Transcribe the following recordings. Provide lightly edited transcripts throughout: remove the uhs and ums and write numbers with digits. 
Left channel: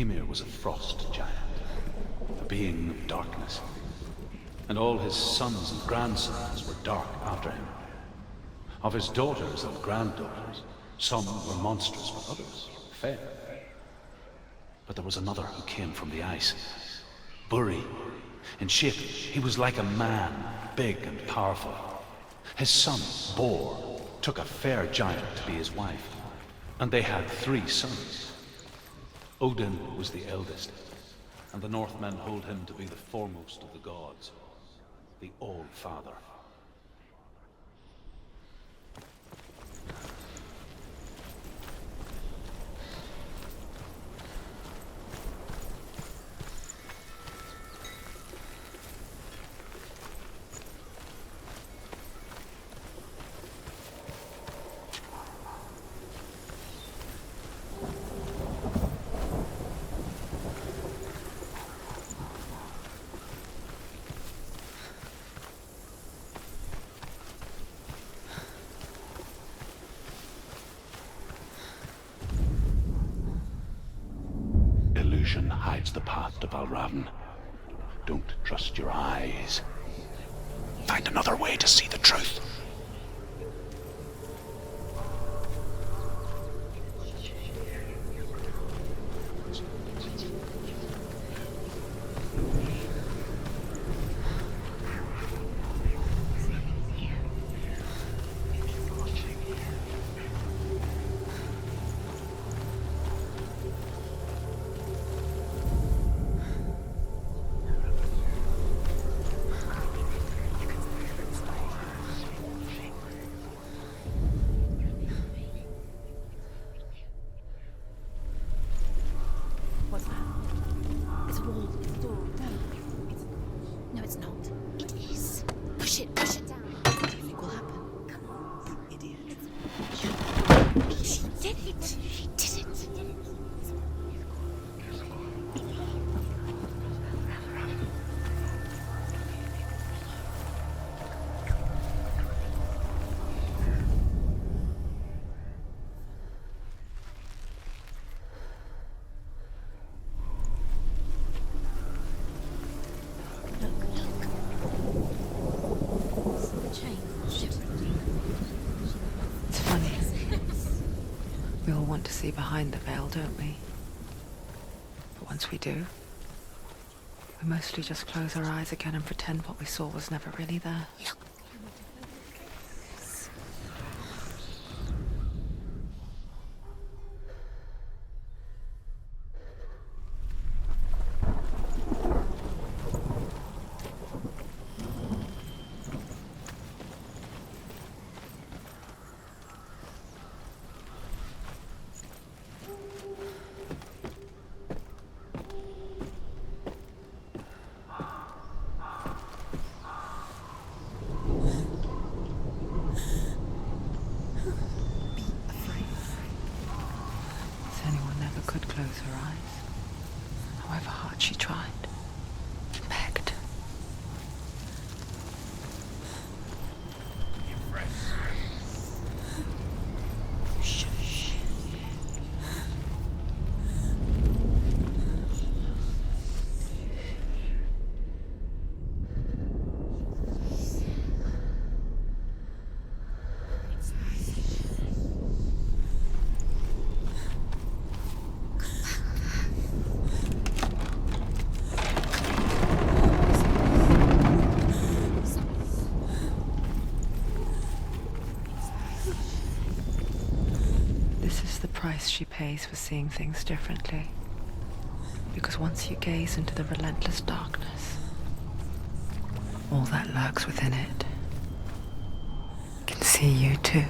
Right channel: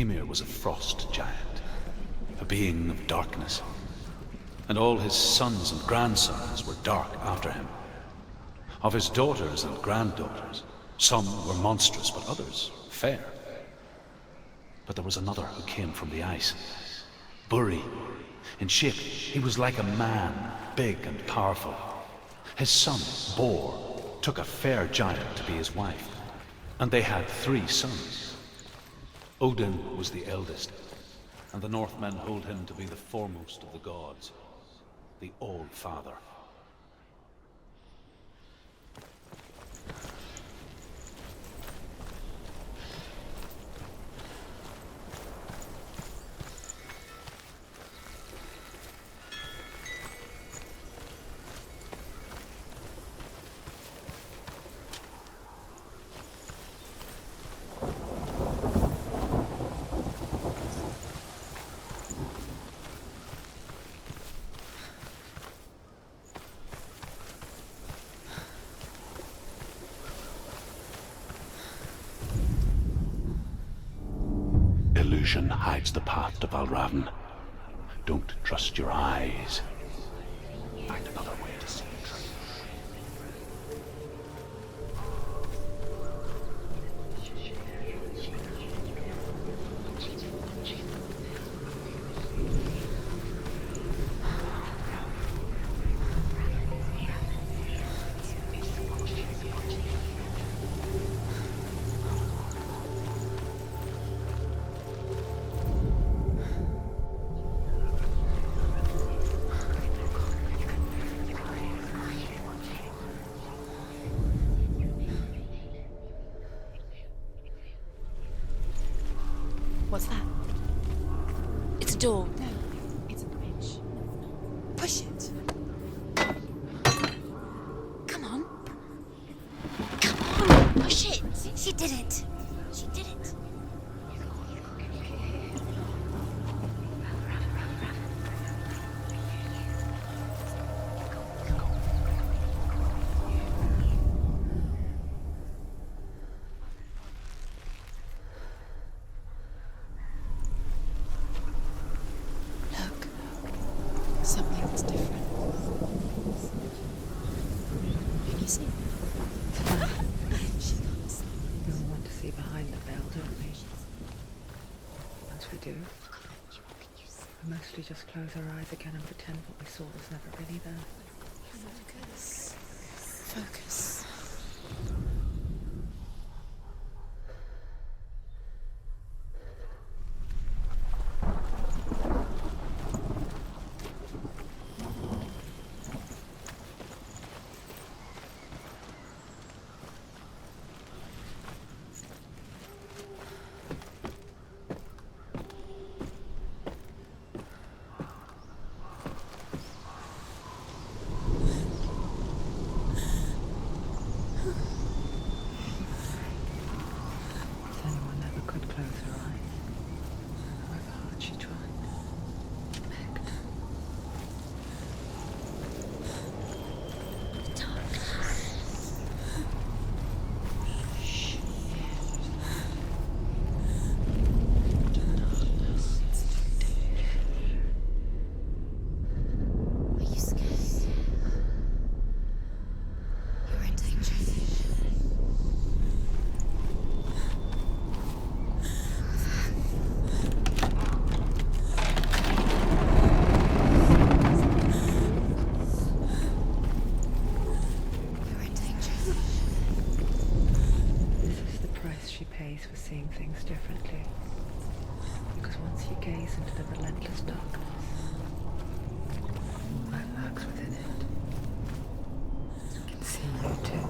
Ymir was a frost giant, a being of darkness, and all his sons and grandsons were dark after him. Of his daughters and granddaughters, some were monstrous, but others fair. But there was another who came from the ice. Buri. In shape, he was like a man, big and powerful. His son, Bor, took a fair giant to be his wife, and they had 3 sons. Odin was the eldest, and the Northmen hold him to be the foremost of the gods, the All-Father. Illusion hides the path to Valravn. Don't trust your eyes. Find another way to see the truth. What's that? It's a wall. It's a door. No, it's a bridge. No, it's not. Push it. Push it. Push it down. Anything will happen. Come on. Idiot. Come on. Push it. She did it. She did it. She did it. We all want to see behind the veil, don't we? But once we do, we mostly just close our eyes again and pretend what we saw was never really there. Focus. Focus. Senua never could close her eyes, however hard she tried. Begged. Are you scared? You're in danger. This is the price she pays for seeing things differently. Because once you gaze into the relentless darkness, all that lurks within it can see you too.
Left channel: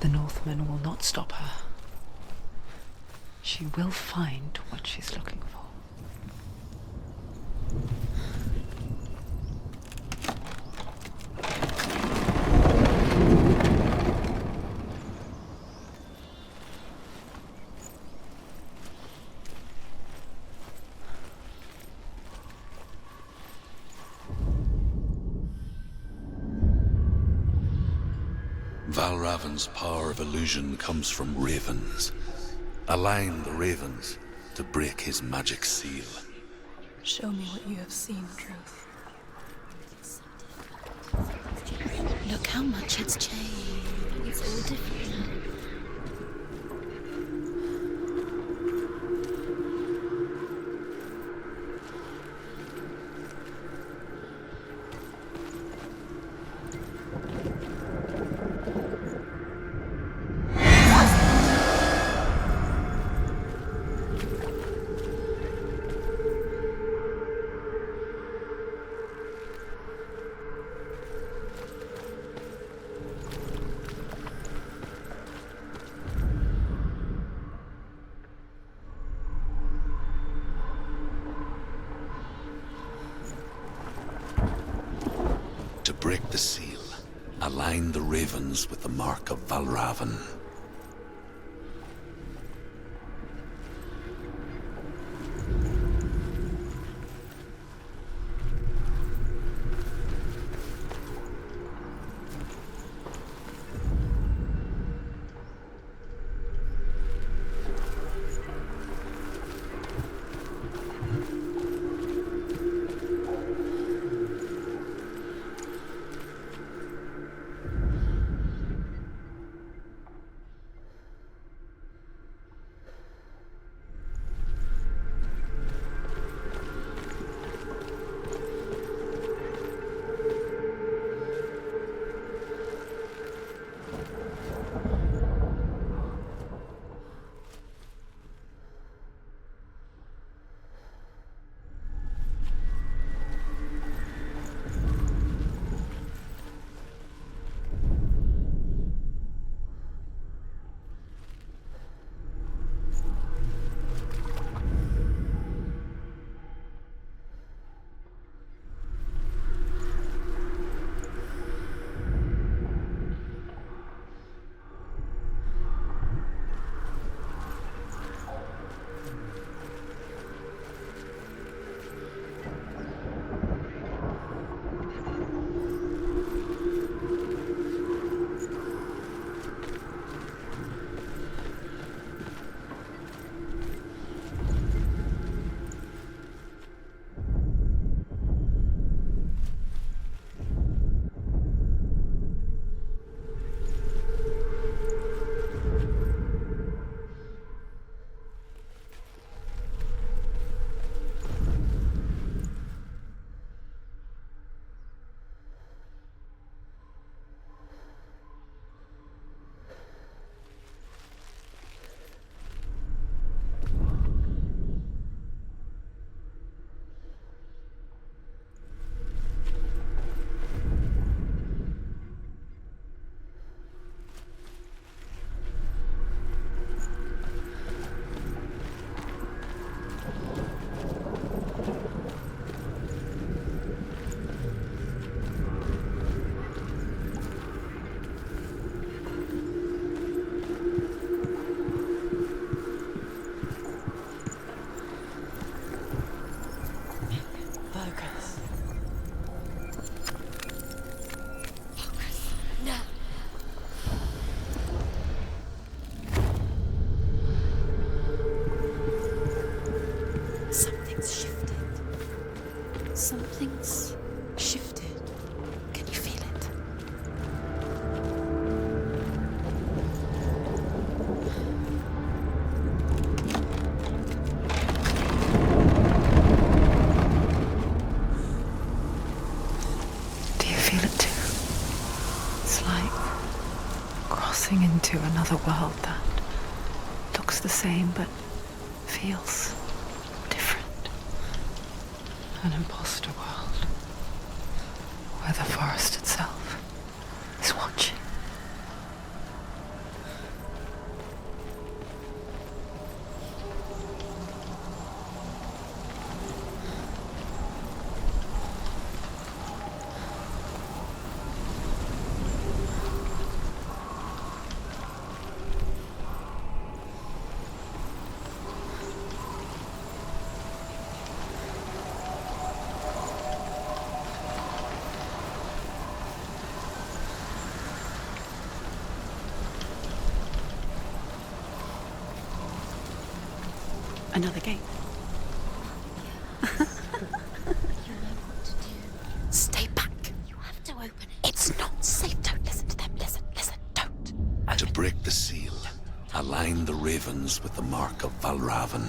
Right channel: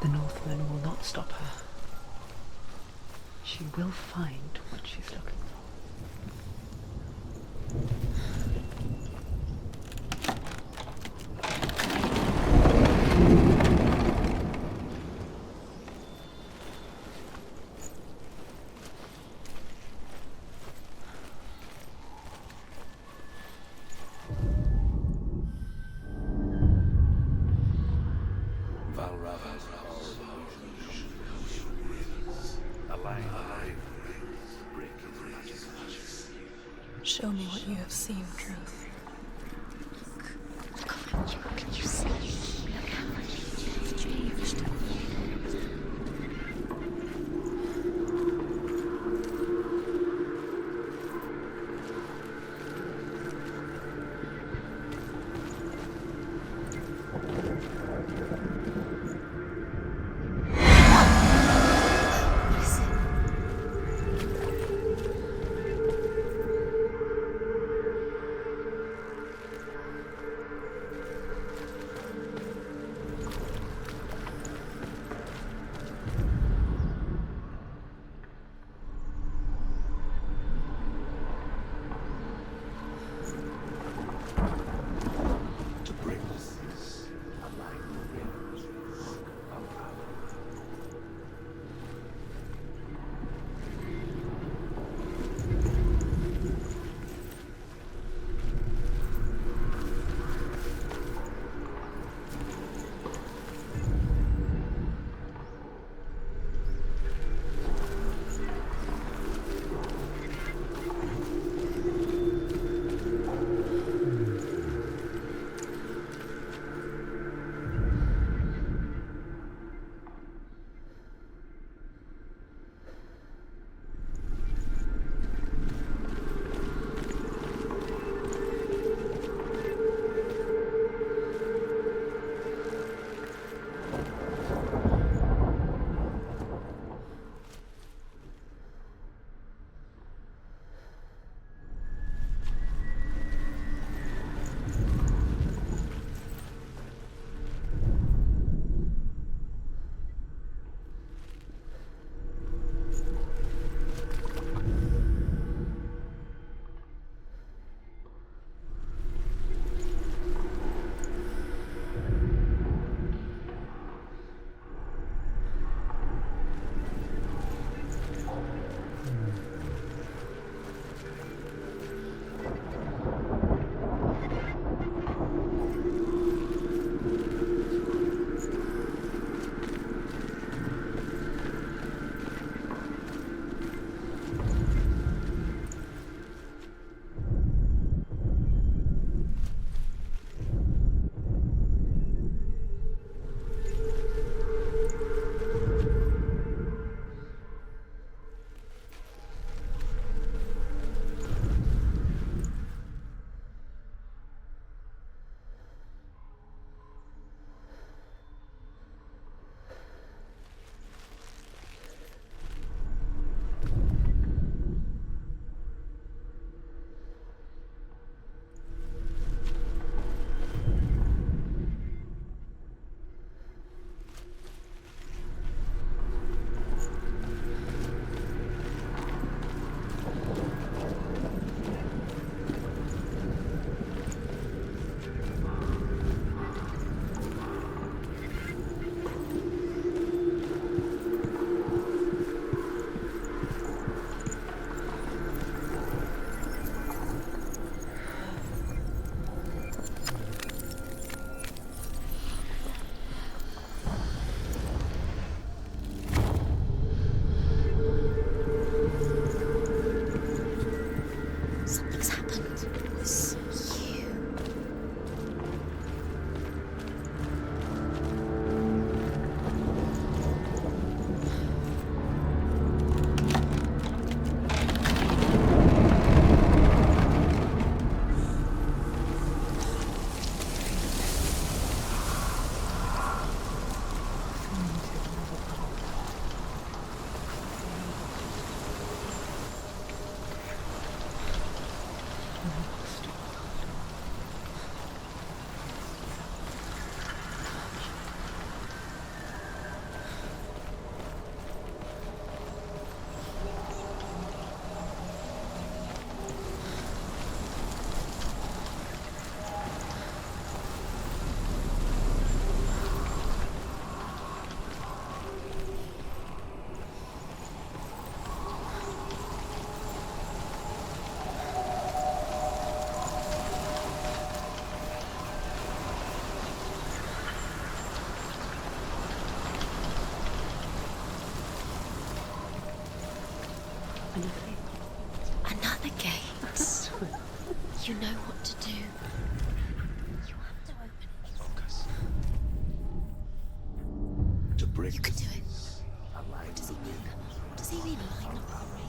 The Northman will not stop her. She will find what she's looking for. Valravan's power of illusion comes from ravens. Align the ravens to break his magic seal. Show me what you have seen, Truth. Look how much it's changed. It's so different. To break the seal, align the ravens with the mark of Valravan. Another world that looks the same but feels different. An imposter world where the forest itself is watching. Another gate. Another gate. You know what to do. Stay back. You have to open it. It's not safe. Don't listen to them. Listen, don't. To break the seal, align the ravens with the mark of Valravan.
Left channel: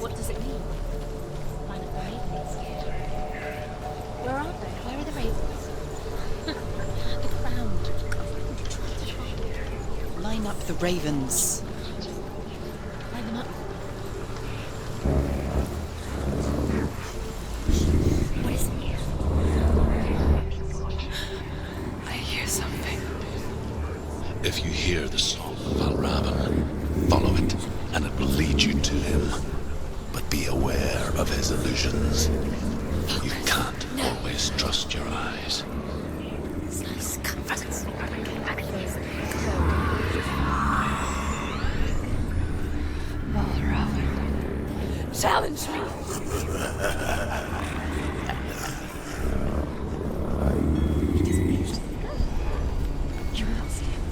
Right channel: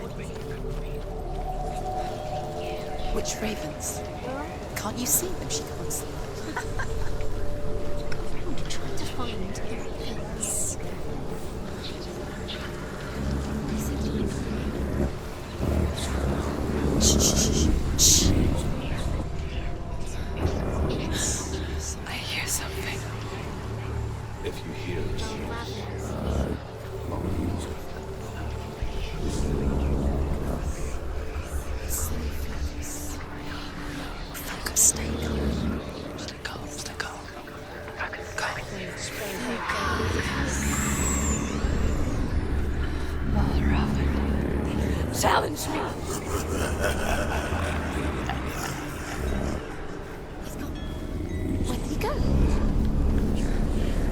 What does it mean? Which ravens? Can't you see them, she goes? Try to find. Line up the ravens. Shh. I hear something. If you hear the soul of Unraveling, follow it, and it will lead you to him. But be aware of his illusions. You can't always trust your eyes. Valravan, challenge me!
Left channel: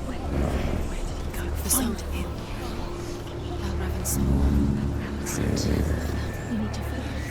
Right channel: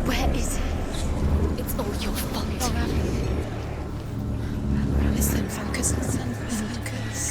Where is he? It was all your fault. Listen, focus. You need to focus.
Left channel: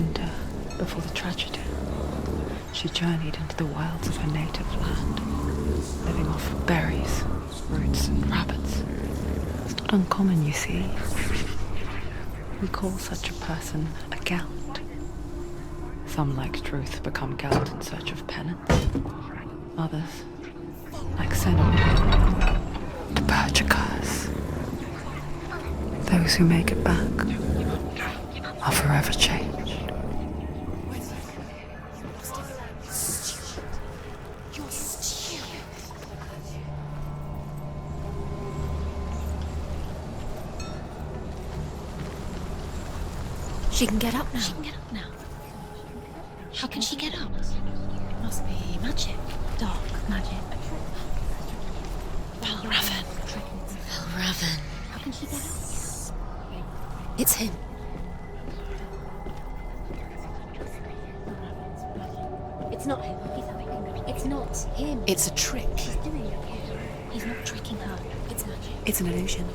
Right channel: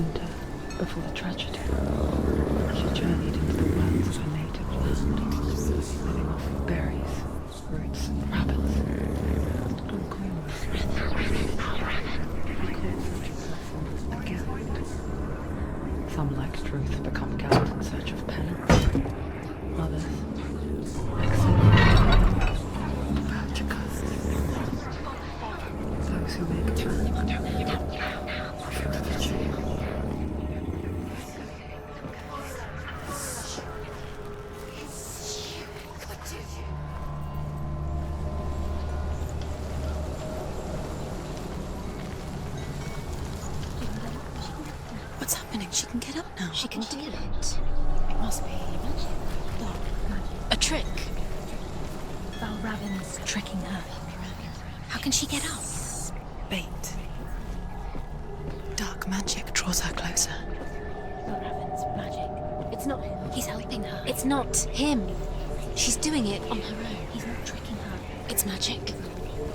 winter, before the tragedy, she journeyed into the wilds of her native land, living off berries, roots, and rabbits. It's not uncommon, you see. We call such a person a gallant. Some, like Truth, become gallant in search of penance. Others, like Senua, to purge a curse. Those who make it back are forever changed. She can get up now. She can get up now. What's happening? She can get up now. How can she get up? Must be magic. Dark magic. A trick. Raven tricking her. Raven. How can she get up? Bait. It's him. Dark magic draws her closer. Raven's magic. It's not him. He's helping her. It's not him. It's a trick. She's doing it on her own. He's not tricking her. It's magic. It's an illusion.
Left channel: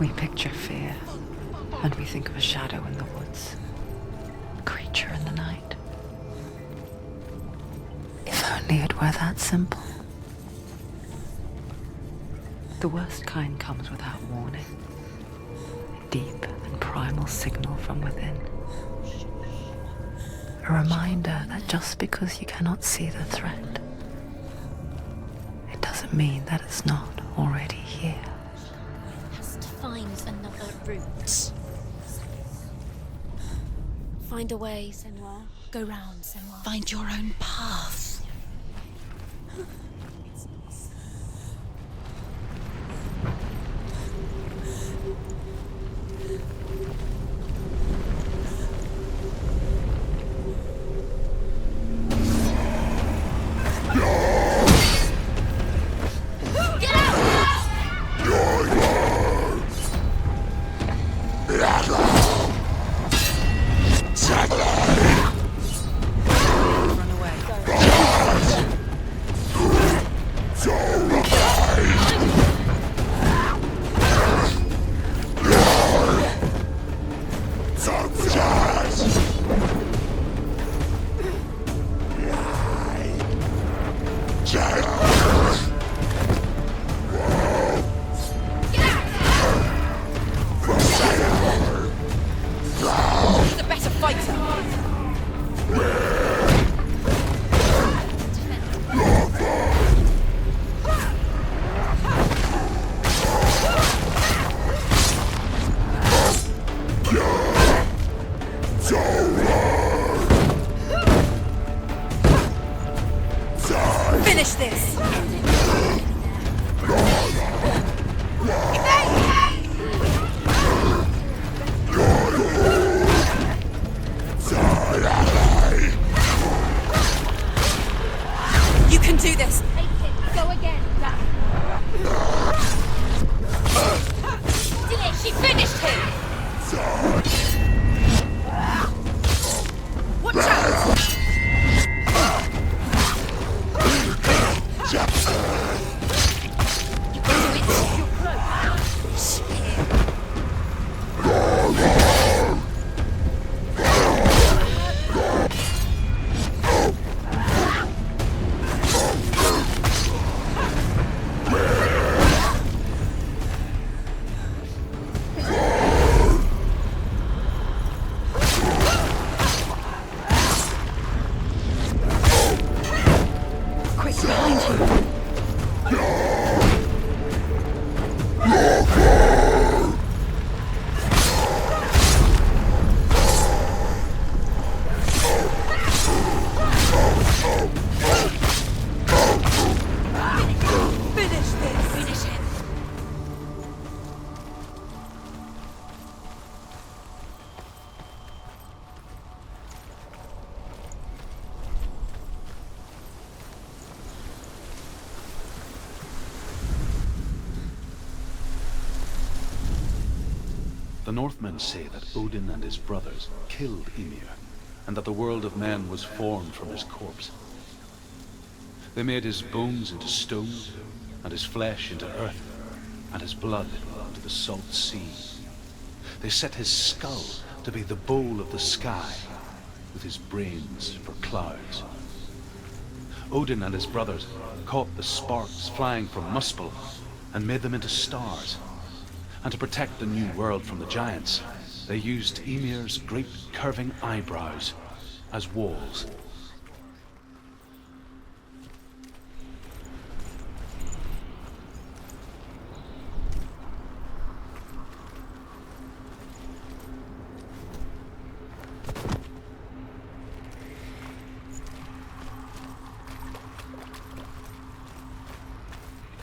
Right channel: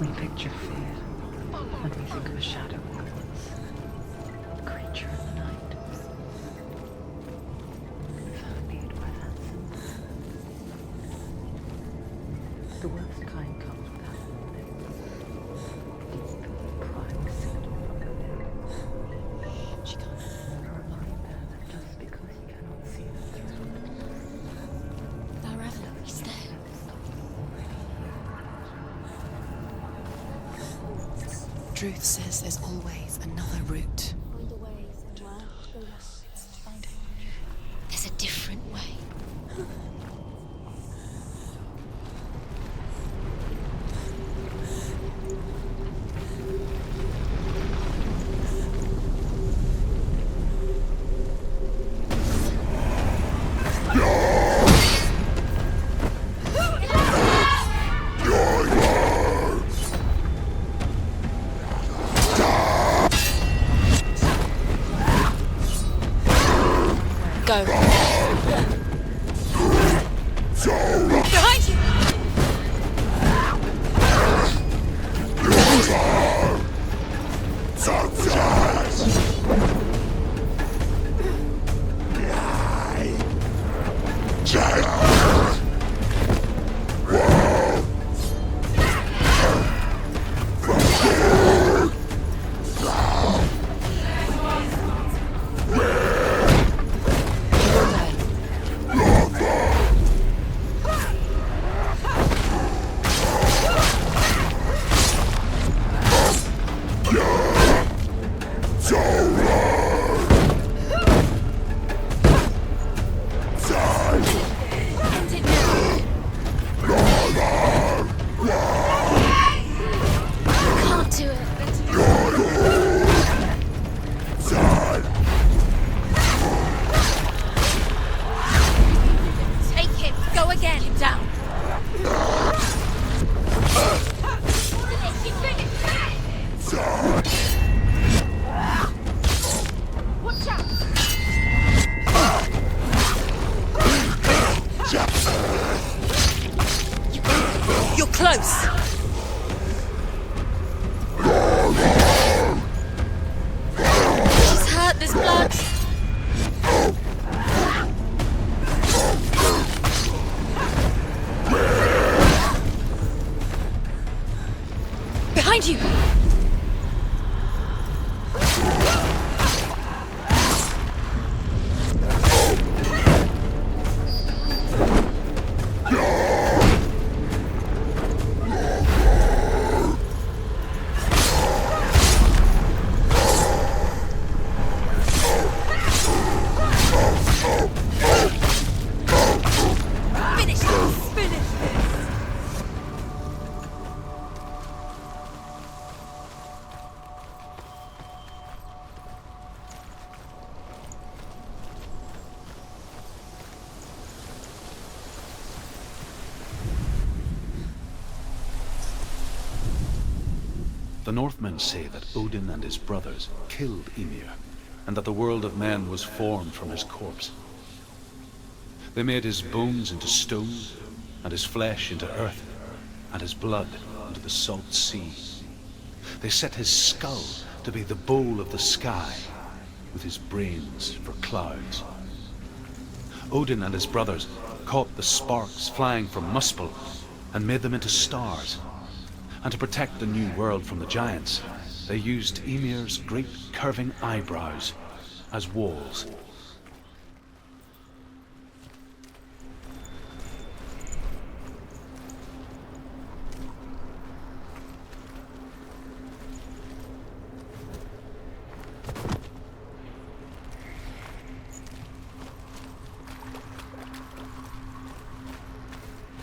We picture fear, and we think of a shadow in the woods, a creature in the night. If only it were that simple. The worst kind comes without warning. Deep and primal signal from within. A reminder that just because you cannot see the threat, it doesn't mean that it's not already here. Truth says there's always another route. Find a way, Senua. Go round, Senua. Find your own path. There's a different way. Go. The Northmen say that Odin and his brothers killed Ymir, and that the world of men was formed from his corpse. They made his bones into stone, and his flesh into earth, and his blood into the salt sea. They set his skull to be the bowl of the sky, with his brains for clouds. Odin and his brothers caught the sparks flying from Muspel and made them into stars. And to protect the new world from the giants, they used Ymir's great curving eyebrows as walls.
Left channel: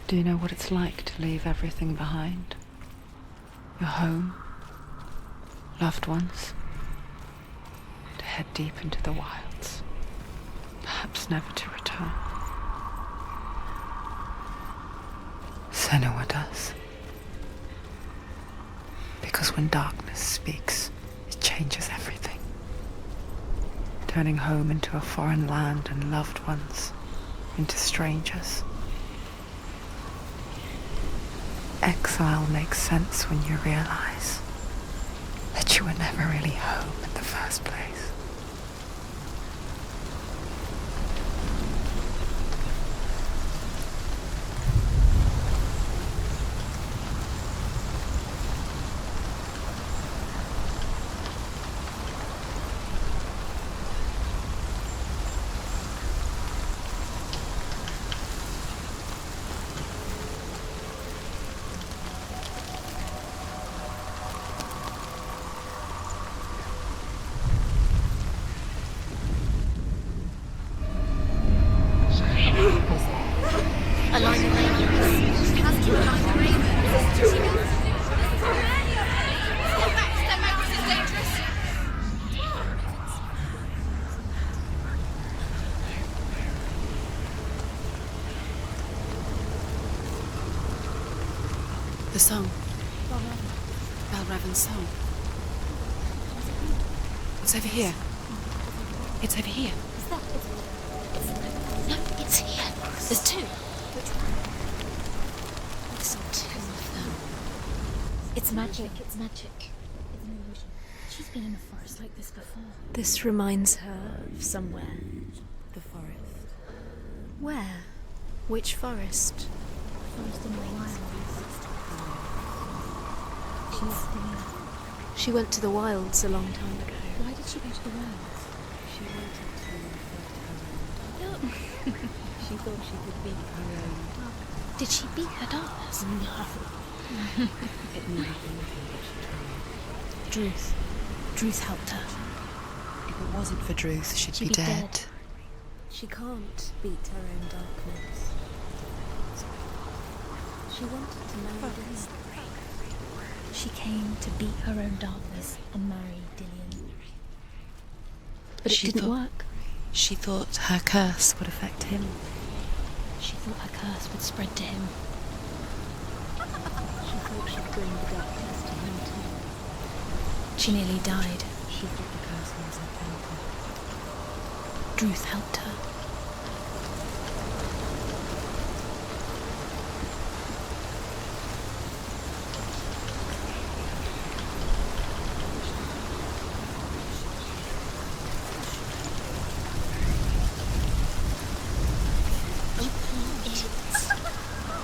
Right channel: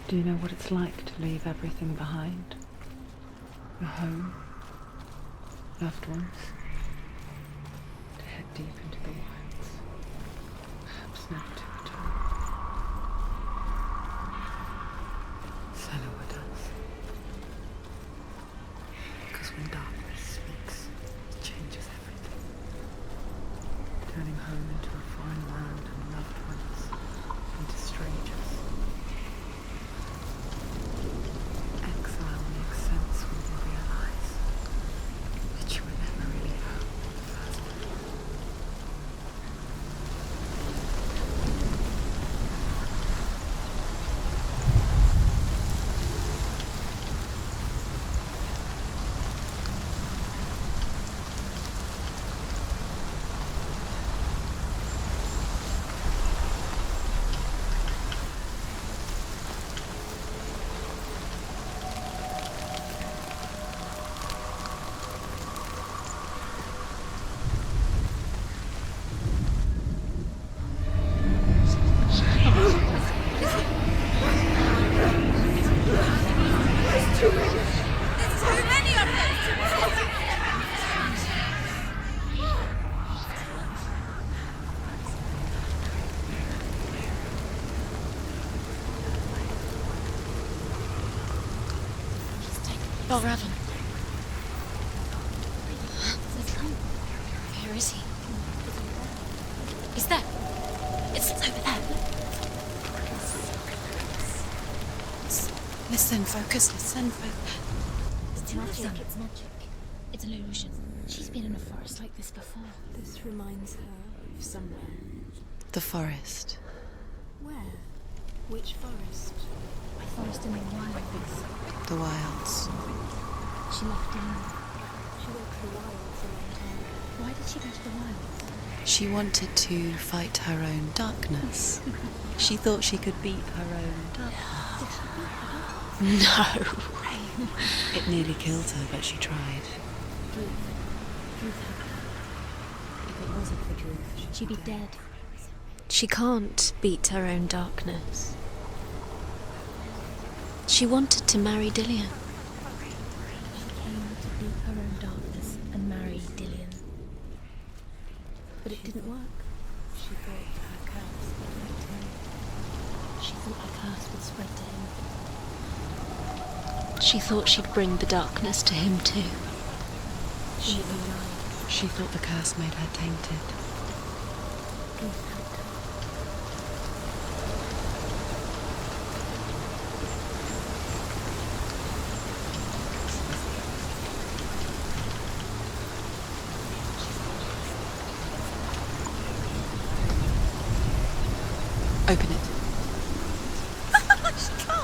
Do you know what it's like to leave everything behind? Your home, loved ones, to head deep into the wilds, perhaps never to return. Senua does. Because when darkness speaks, it changes everything, turning home into a foreign land and loved ones into strangers. Exile makes sense when you realize that you were never really home in the first place. The song. BattleNet's song. It's over here. It's over here. Is that? It's over there. No, it's here. There's two. Listen, focus. Listen. It's magic. It's magic. It's an illusion. She's been in the forest like this before. This reminds her of somewhere. The forest. Where? Which forest? A forest in the wilds. The wilds. She left England. She went to the wilds a long time ago. Why did she go to the wilds? She wanted to fight her own darkness. She thought she could beat her own darkness. Did she beat her darkness? No. It nearly killed her, but she tried. Druth helped her. If it wasn't for Druth, she'd be dead. She can't beat her own darkness. She wanted to marry Dillion. She came to beat her own darkness and marry Dillion. But it didn't work. She thought her curse would affect him. She thought her curse would spread to him. She thought she'd bring the darkness to him too. She nearly died. She thought the curse made her tainted. Druth helped her. Open it.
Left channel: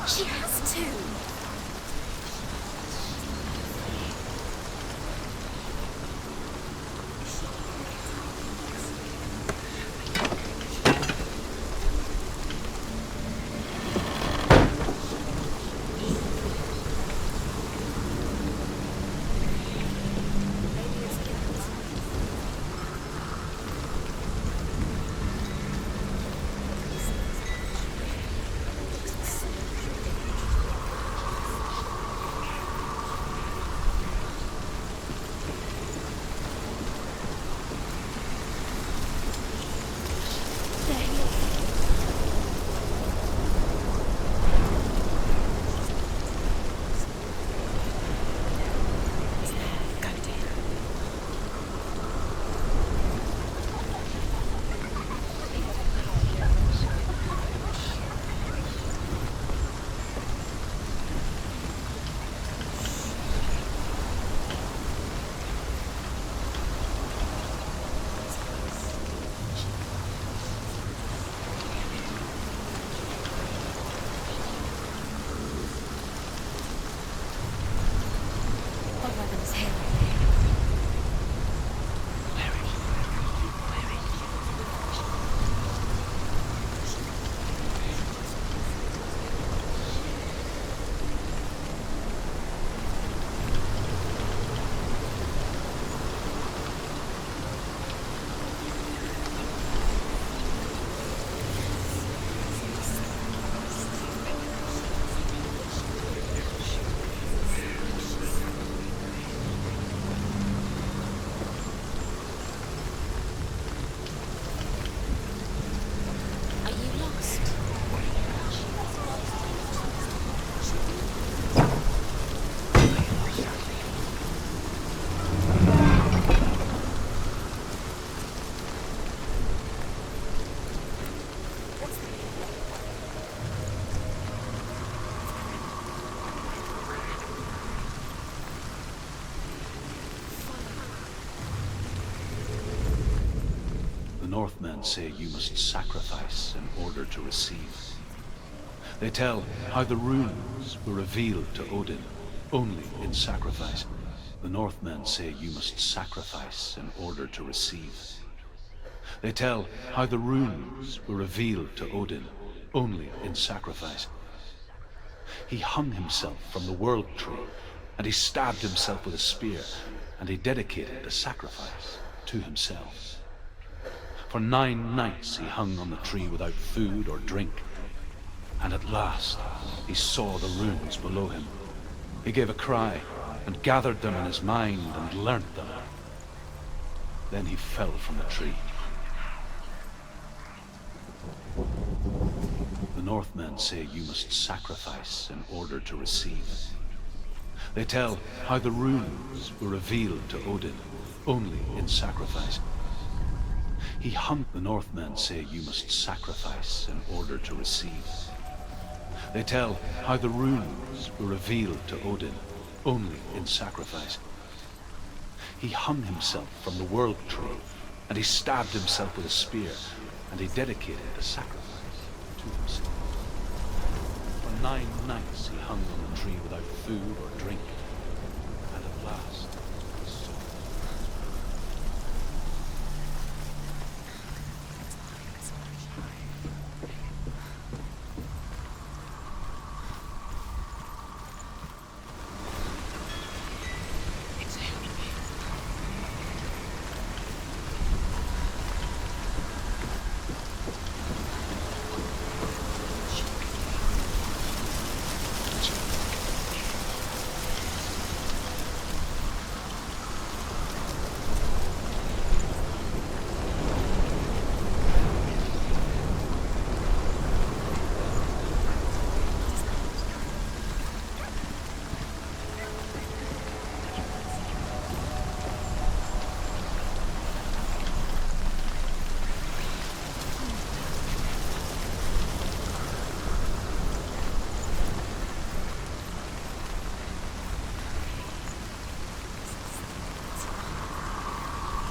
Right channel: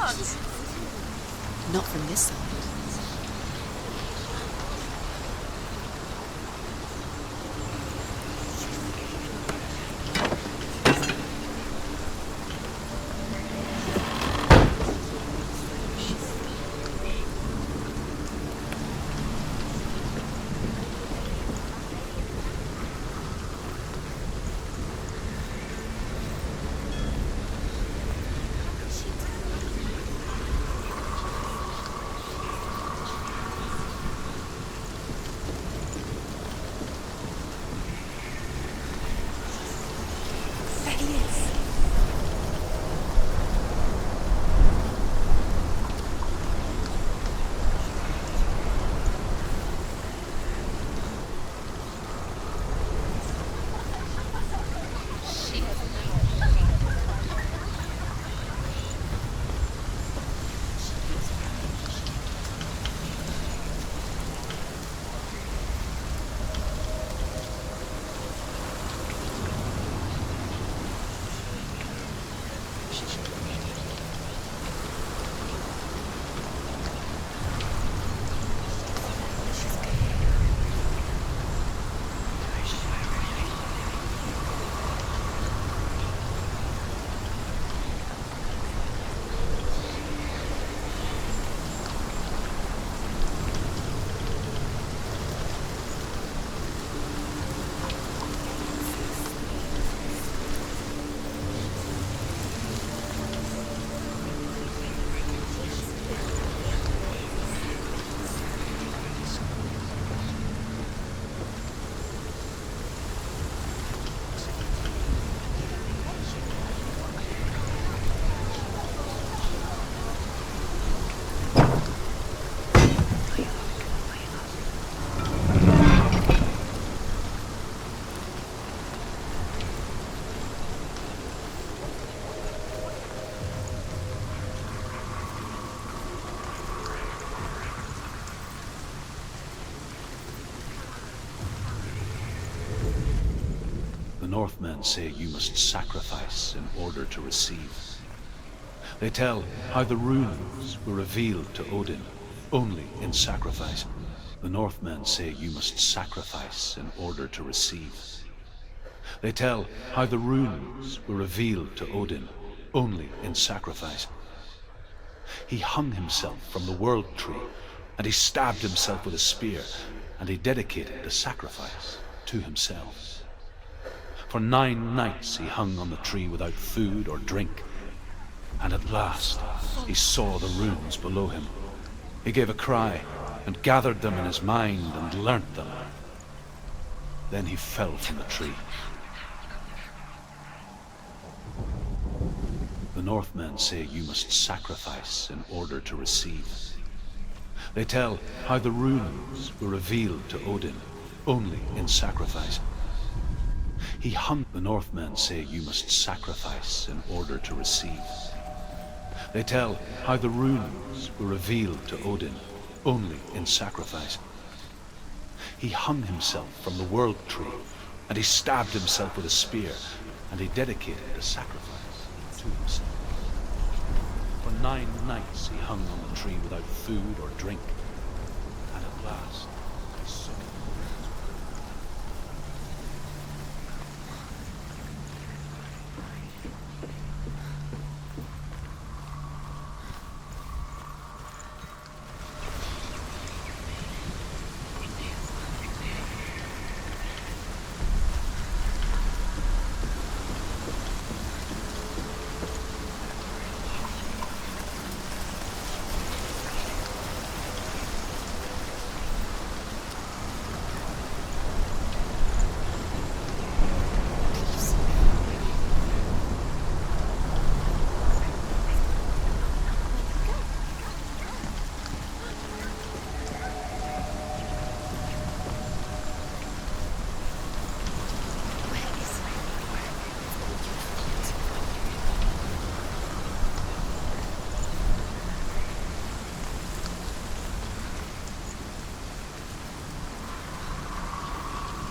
She has to. Not from this side. Northmen say you must sacrifice in order to receive. They tell how the runes were revealed to Odin only in sacrifice. The Northmen say you must sacrifice in order to receive. They tell how the runes were revealed to Odin only in sacrifice. He hung himself from the world tree, and he stabbed himself with a spear, and he dedicated the sacrifice to himself. For 9 nights he hung on the tree without food or drink, and at last he saw the runes below him. He gave a cry, and gathered them in his mind and learnt them. Then he fell from the tree. The Northmen say you must sacrifice in order to receive. They tell how the runes were revealed to Odin only in sacrifice. He hung. The Northmen say you must sacrifice in order to receive. They tell how the runes were revealed to Odin only in sacrifice. He hung himself from the world tree, and he stabbed himself with a spear, and he dedicated the sacrifice to himself. For 9 nights he hung on the tree without food or drink, and at last he saw.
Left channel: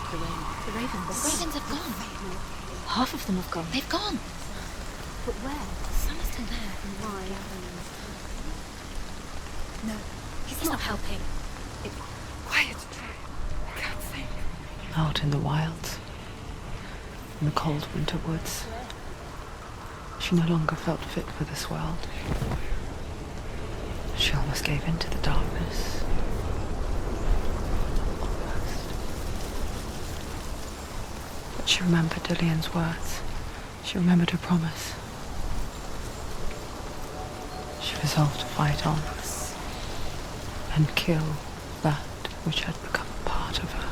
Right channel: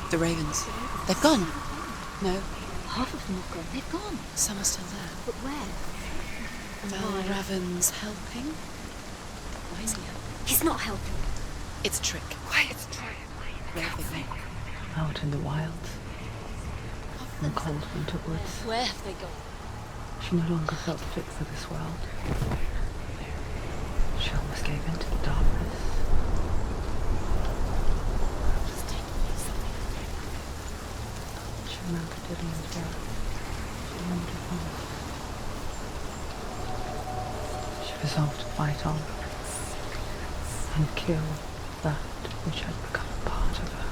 The ravens. The ravens. They've gone. They've gone. No, Half of them have gone. They've gone. some are still there. But where? Some are still there. Mal Raven's helping. He's not helping. It's a trick. Quiet. I can't think. Out in the wilds, in the cold winter woods, Where have they gone? she no longer felt fit for this world. She almost gave in to the darkness. She remembered Dillian's words. She remembered her promise. She resolved to fight on and kill that which had become part of her.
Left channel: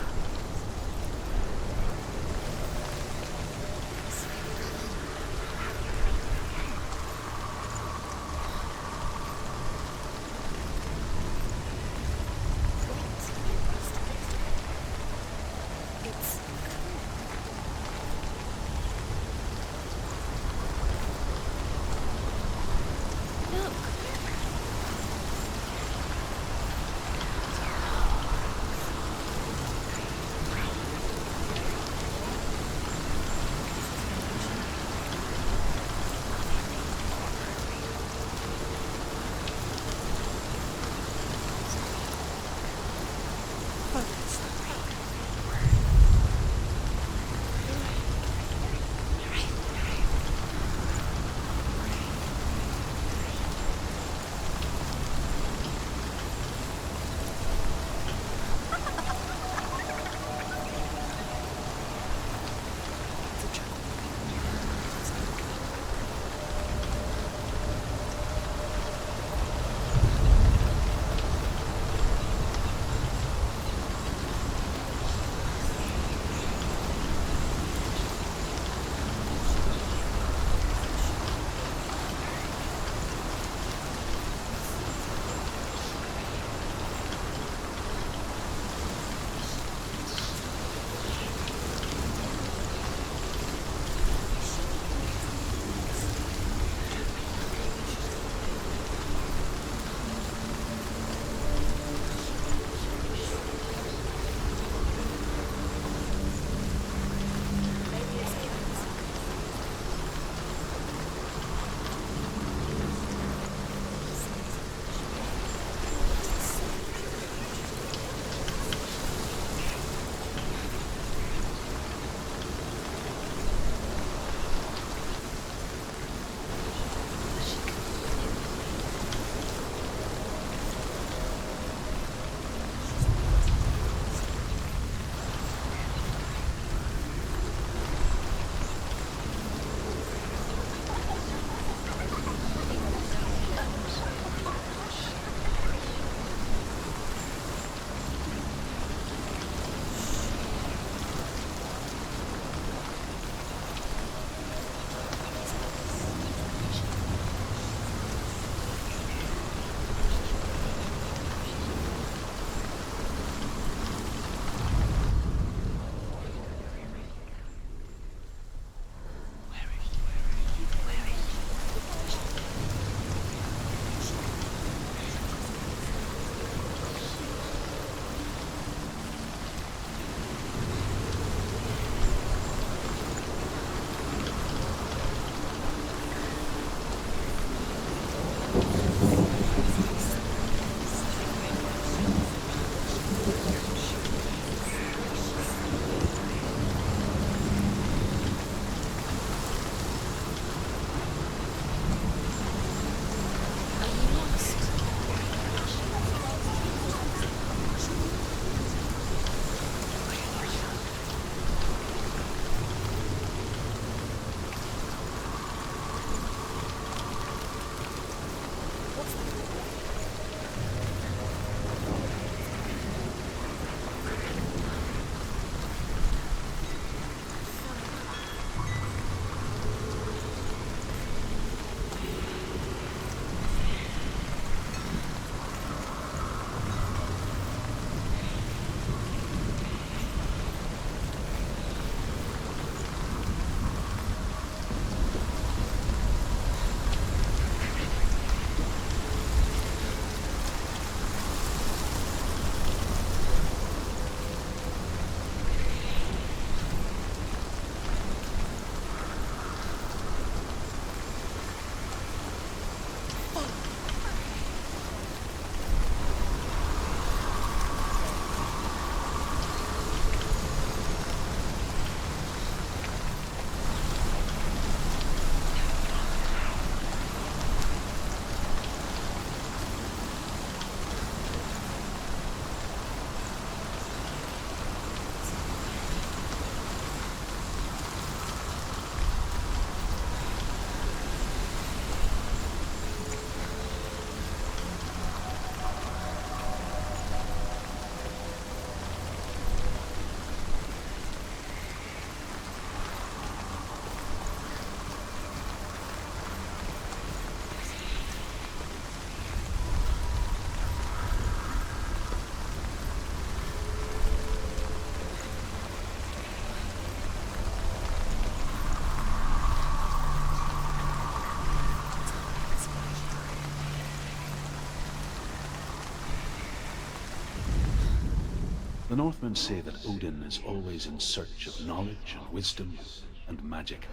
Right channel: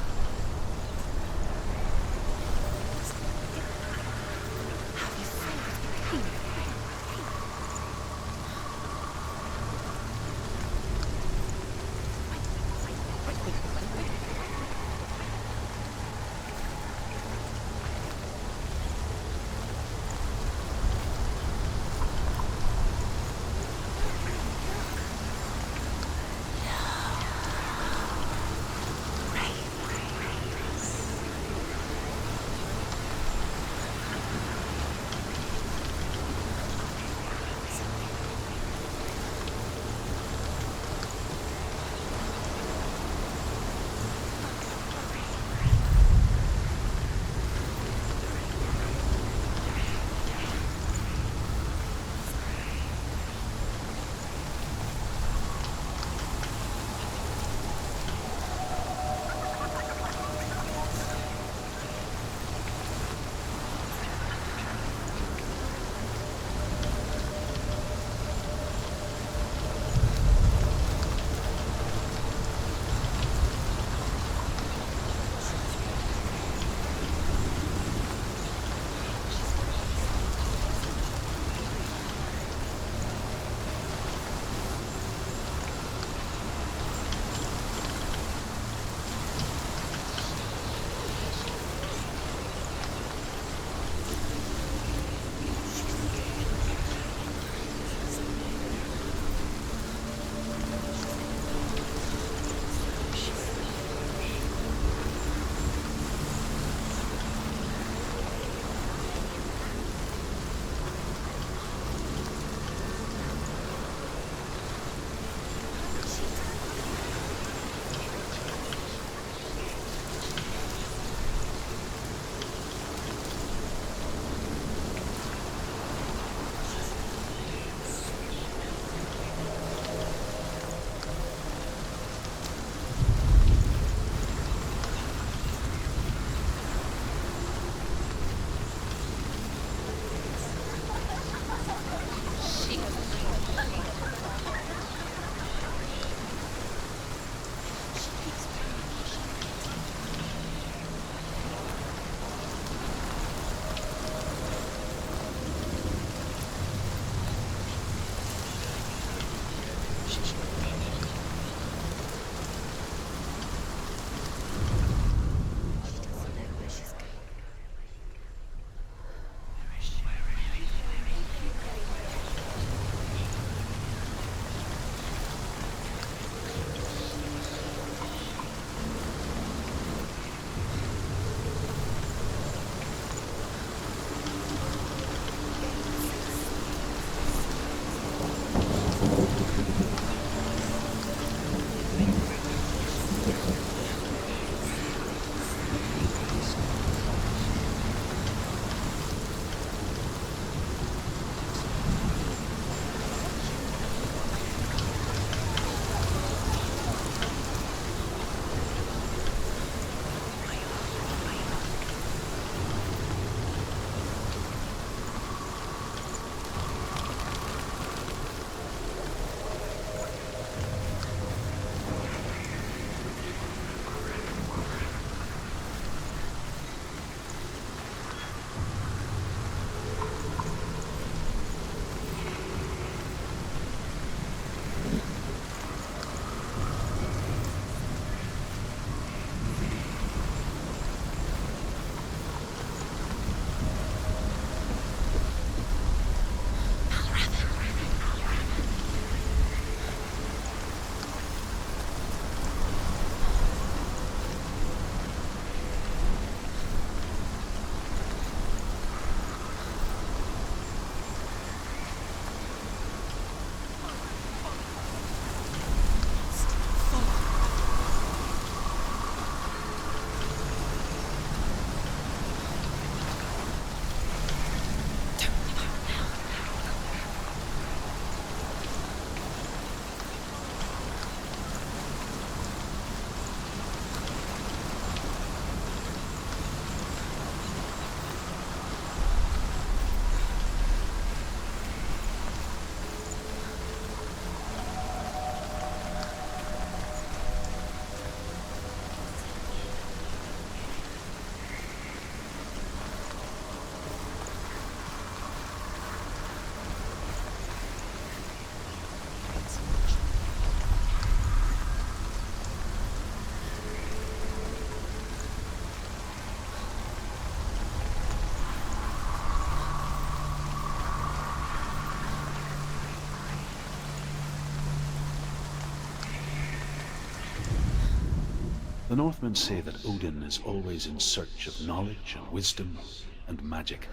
The Northmen say that Odin is always in search of knowledge and wisdom and magic.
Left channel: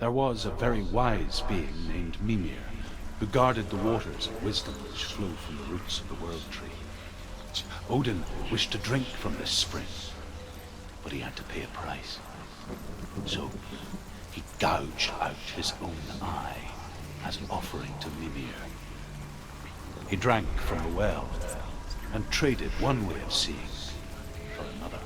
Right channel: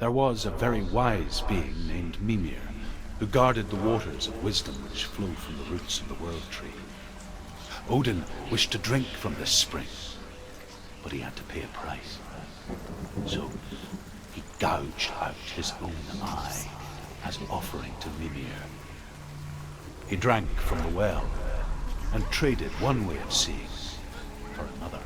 There was a very wise being named Mimir, who guarded the waters of wisdom which flow from the roots of the World Tree. Odin wished to drink from this spring, but he had to pay a price. So he gouged out his own eye as an offering to Mimir. He drank from the well and traded one way of seeing for another.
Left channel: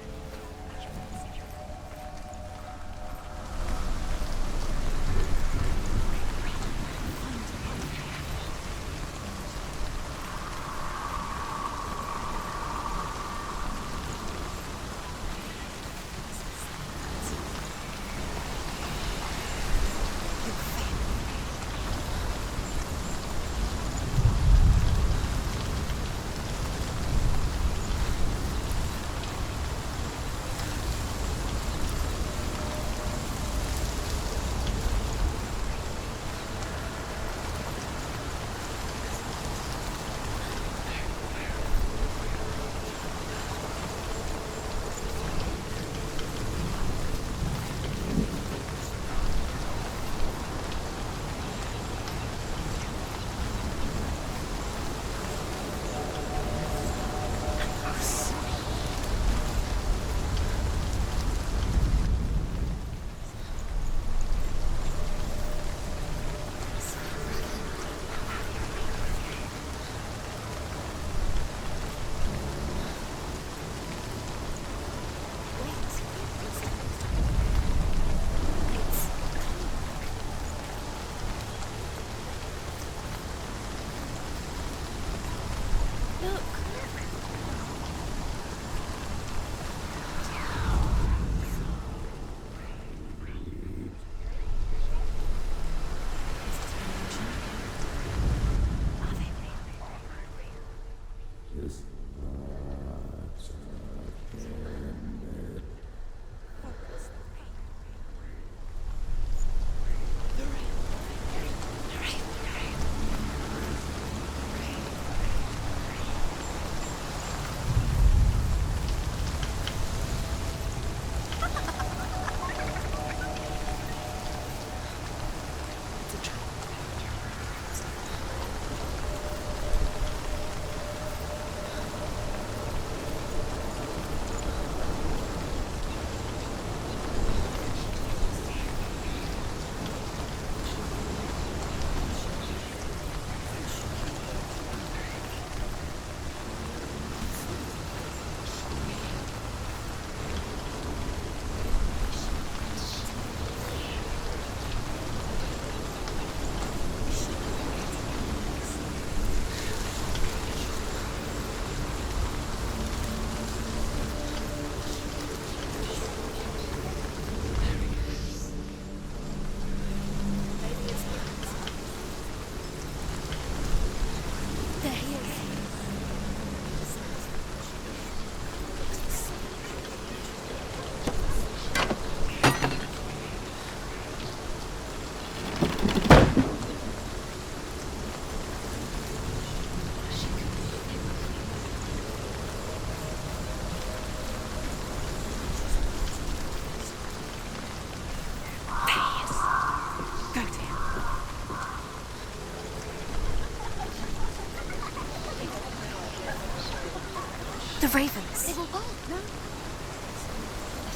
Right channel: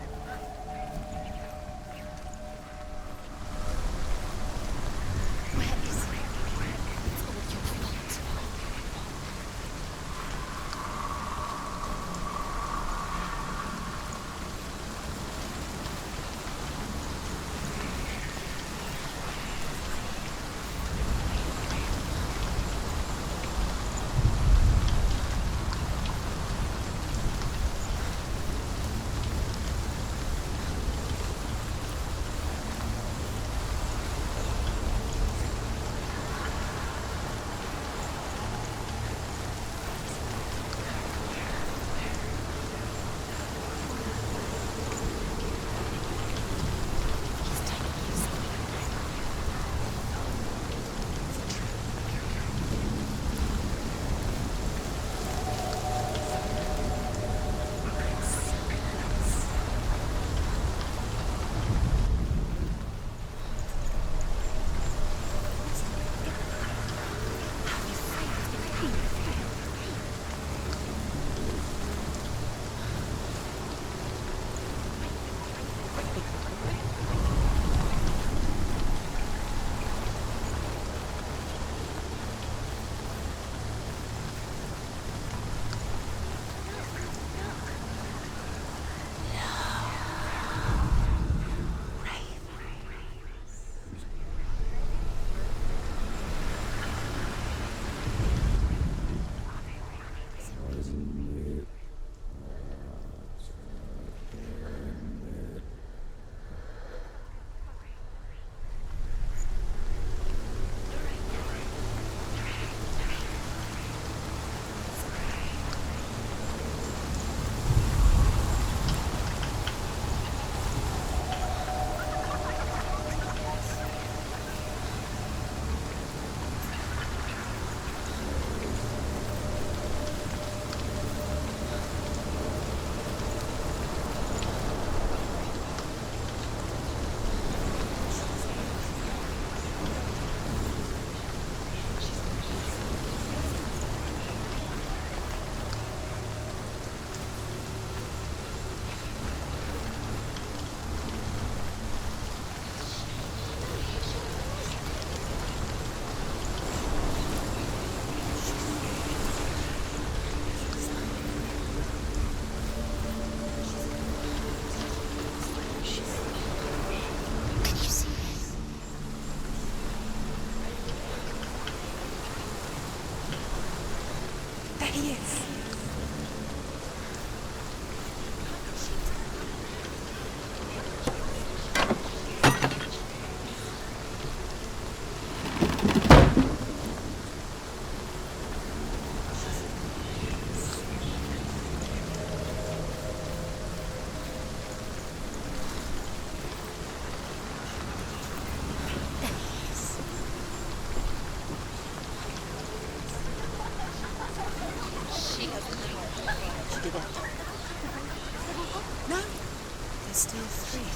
The ravens. They were gone. No. There's still three.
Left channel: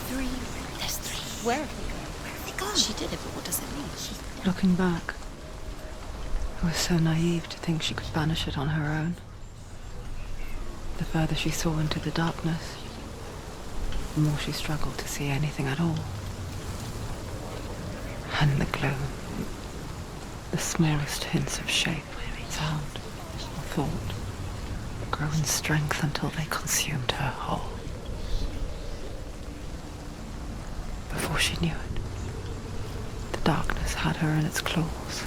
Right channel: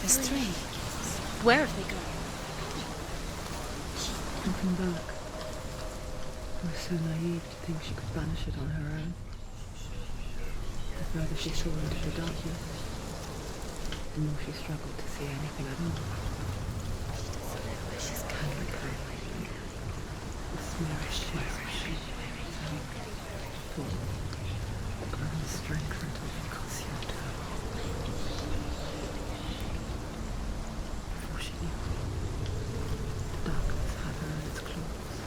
There's three. Where have they gone? She did it. What does it mean? Looking back, I was so naive to think she could banish it on her own. The further she saw into the darkness, the more she struggled to see anything at all. And the gloom, the smallest hints of shape, sound, thought, grow in strength until they consumed her whole. Before she knew it, the darkness had her in its claws.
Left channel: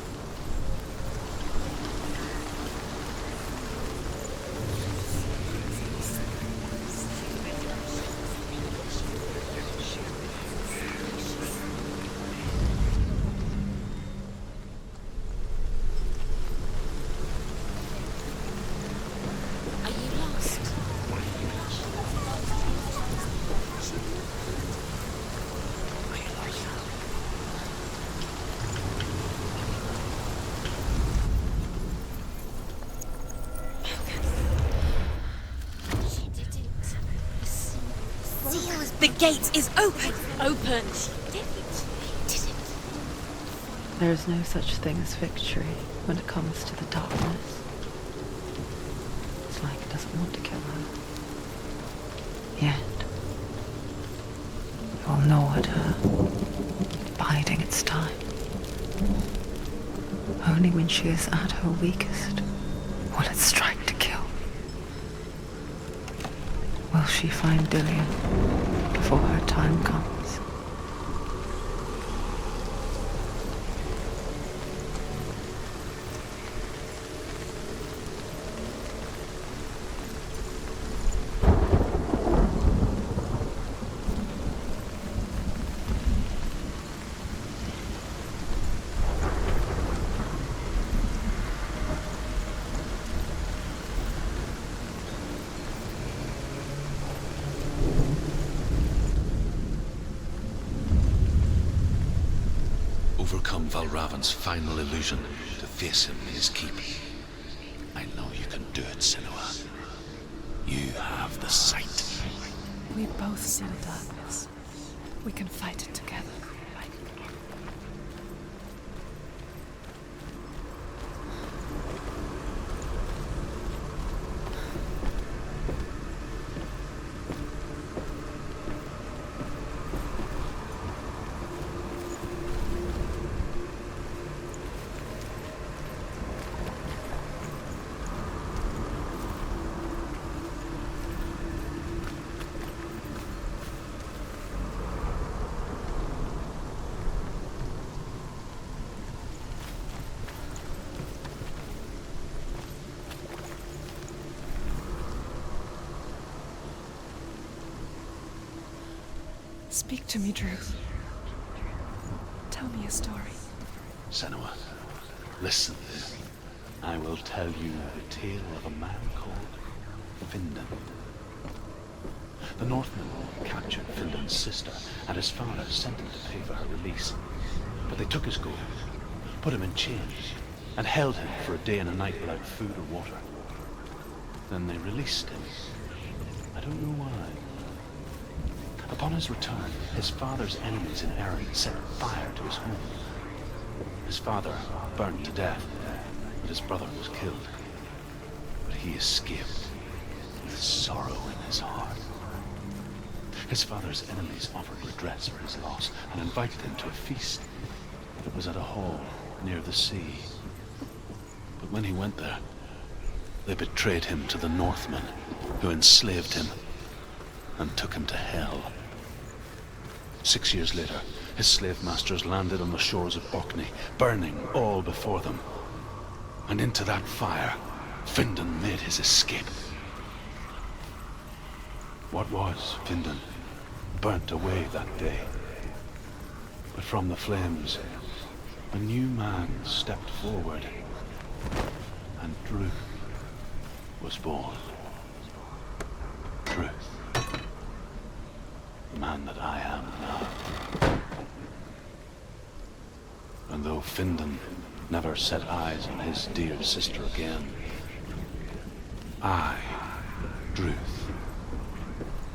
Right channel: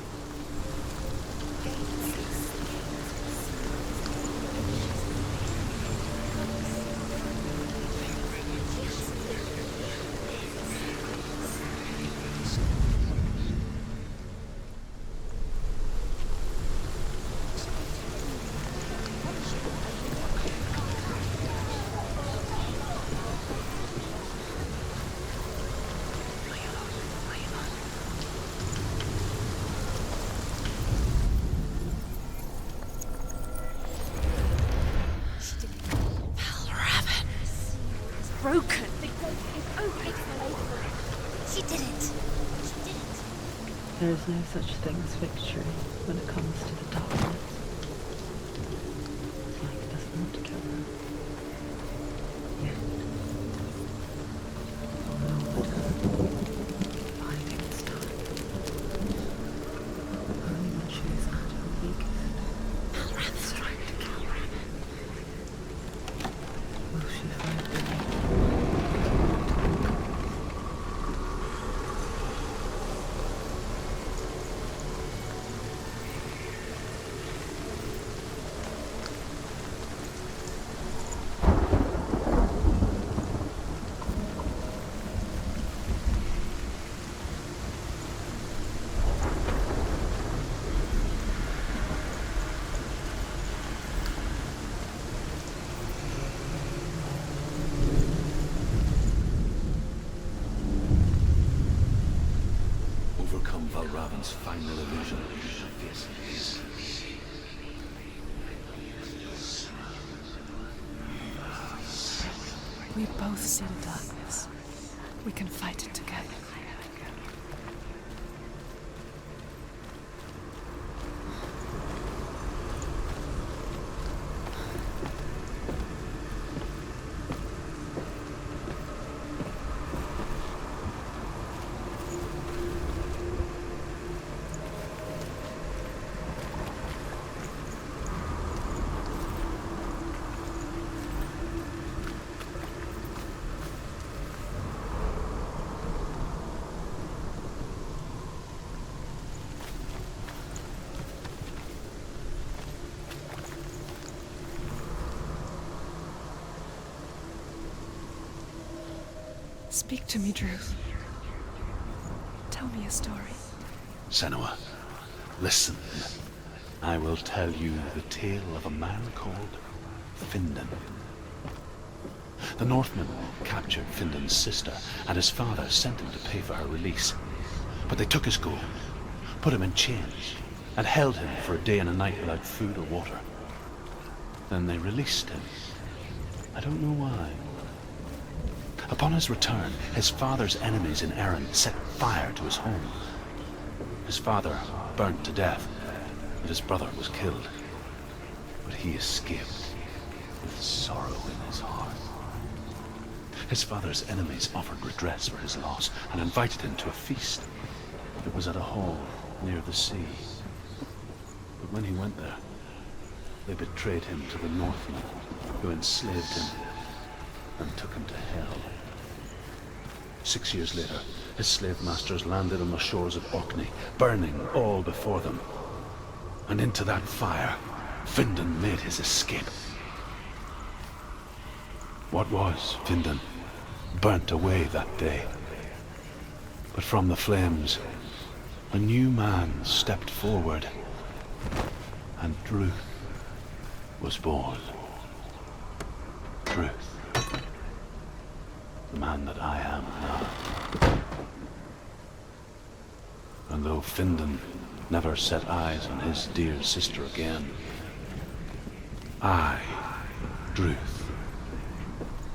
broke. The gate is open. Open. She did it. There is no such thing as victory when it comes to the darkness. It's like it doesn't want to kill her. Yet, it will gnaw at her, biding its time. Only when she is at her weakest will it strike to kill. Will she find Dillian before her time comes? Overcome Valravan's final illusion to face him in his keep. I know you can do it, Senua. You have the sight. We both see the darkness. We can fight it together. Speak to me, Druth. Tell me a story. Senua, listen. I will tell you the tale of a man called Findan. The Northmen captured Findan's sister, and his father sent him to pay for her release. But they took his gold, put him in chains, and held him for a day and a night without food or water. Then they released him. I don't know why. Upon his return, his father's enemies in Erin set fire to his home. His father burned to death, and his brother was killed. But he escaped with sorrow in his heart. His father's enemies offered redress for his loss and invited him to a feast. It was at a hall near the sea. But when he went there, they betrayed him to the Northmen, who enslaved him and took him to hell. 6 years later, his slave masters landed on the shores of Orkney, burning all before them. And into that fire, Findan made his escape. What was Findan burnt away that day. But from the flames, a new man stepped forward, and Druth was born. Druth. The man that I am now. And though Findan never set eyes on his dear sister again, I, Druth,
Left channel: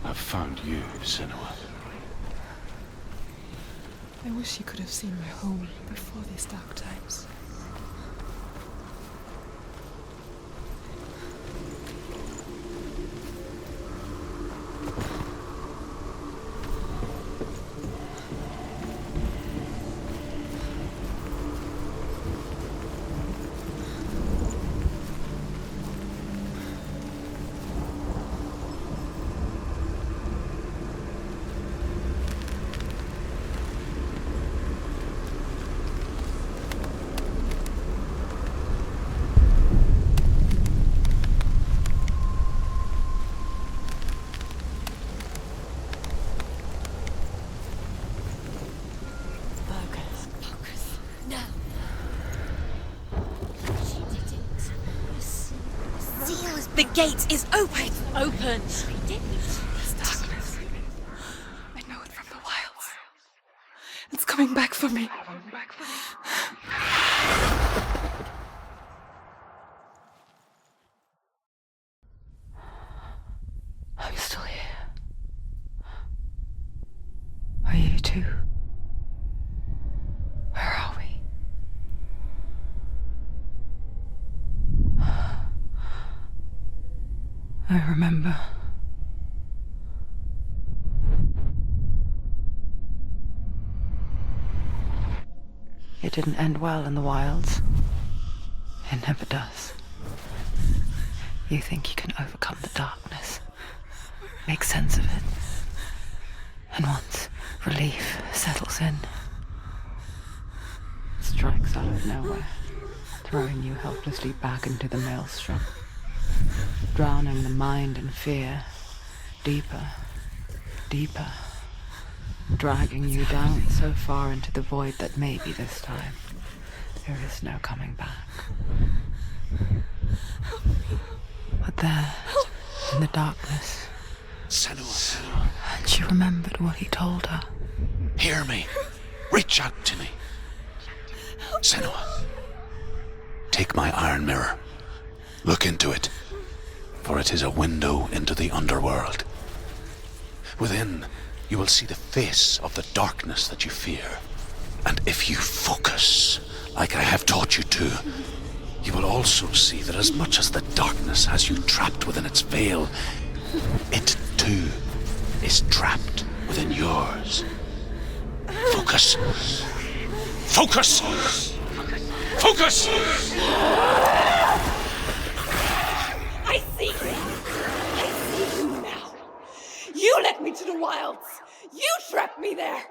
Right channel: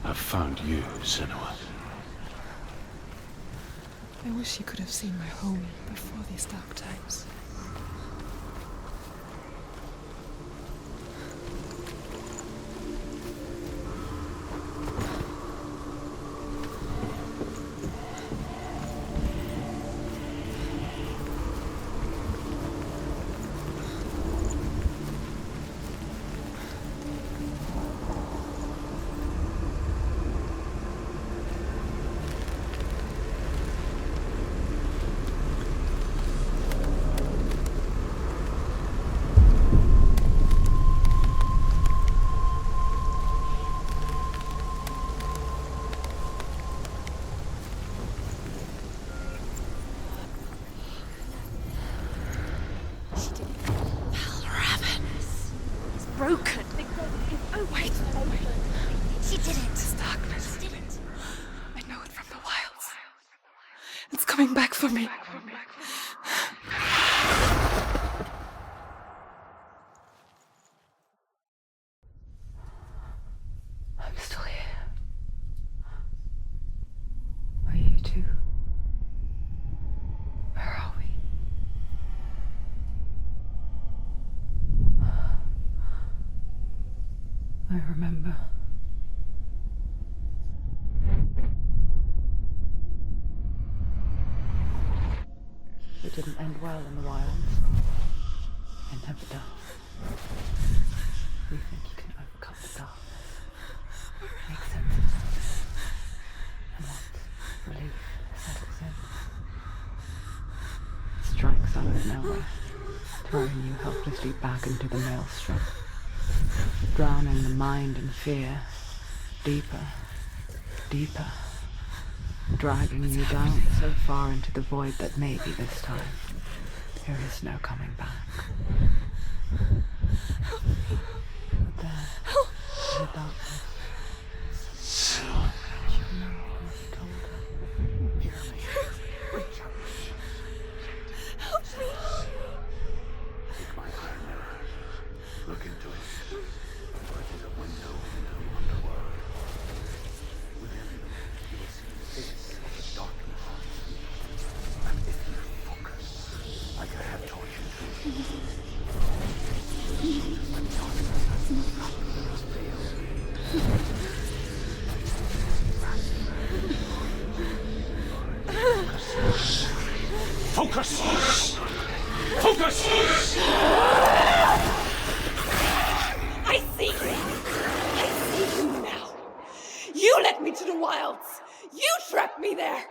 have found you, Senua. I wish you could have seen my home before these dark times. The gate is open. Open. This darkness. I know it from the wilds. It's coming back for me. I'm still here. I remember. It didn't end well in the wilds. It never does. You think you can overcome the darkness, make sense of it, and once relief settles in, it strikes out of nowhere, throwing you helplessly back into the maelstrom, drowning the mind in fear, deeper, deeper, dragging you down so far into the void that maybe this time there is no coming back. But there, in the darkness, Senua, she remembered what he told her. hear me. Reach out to me. Senua, take my iron mirror. Look into it, for it is a window into the underworld. Within, you will see the face of the darkness that you fear. And if you focus, like I have taught you to, you will also see that as much as the darkness has you trapped within its veil, it too is trapped within yours. Focus. Focus! Focus! I see you! I see you now! You led me to the wilds! You trapped me there!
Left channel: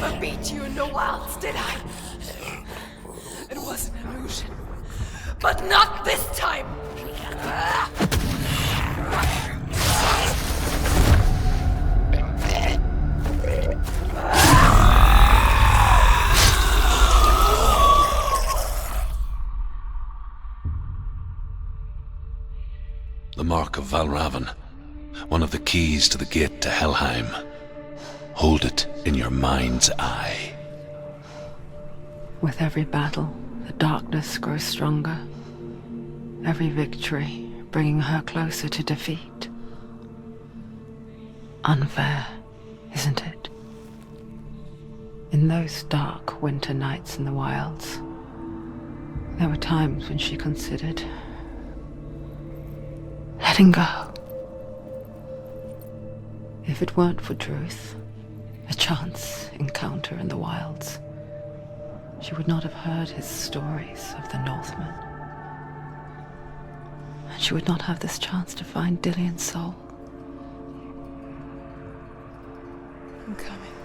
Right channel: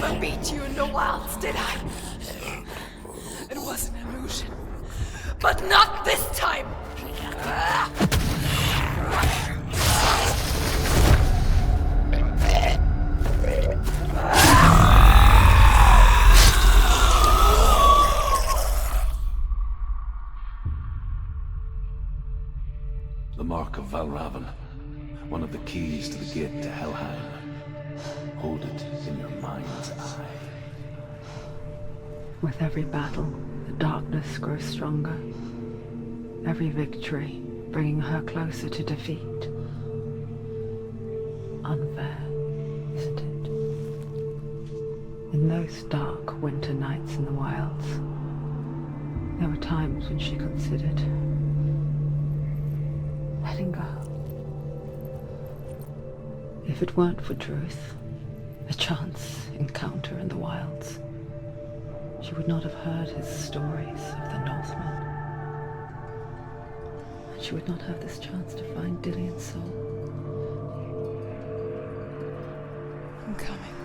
never beat you in the wilds, did I? It was an illusion. But not this time! The Mark of Valravn, one of the keys to the gate to Helheim. Hold it in your mind's eye. With every battle, the darkness grows stronger. Every victory bringing her closer to defeat. Unfair, isn't it? In those dark winter nights in the wilds, there were times when she considered letting go. If it weren't for truth, a chance encounter in the wilds, she would not have heard his stories of the Northmen. And she would not have this chance to find Dillion's soul. I'm coming.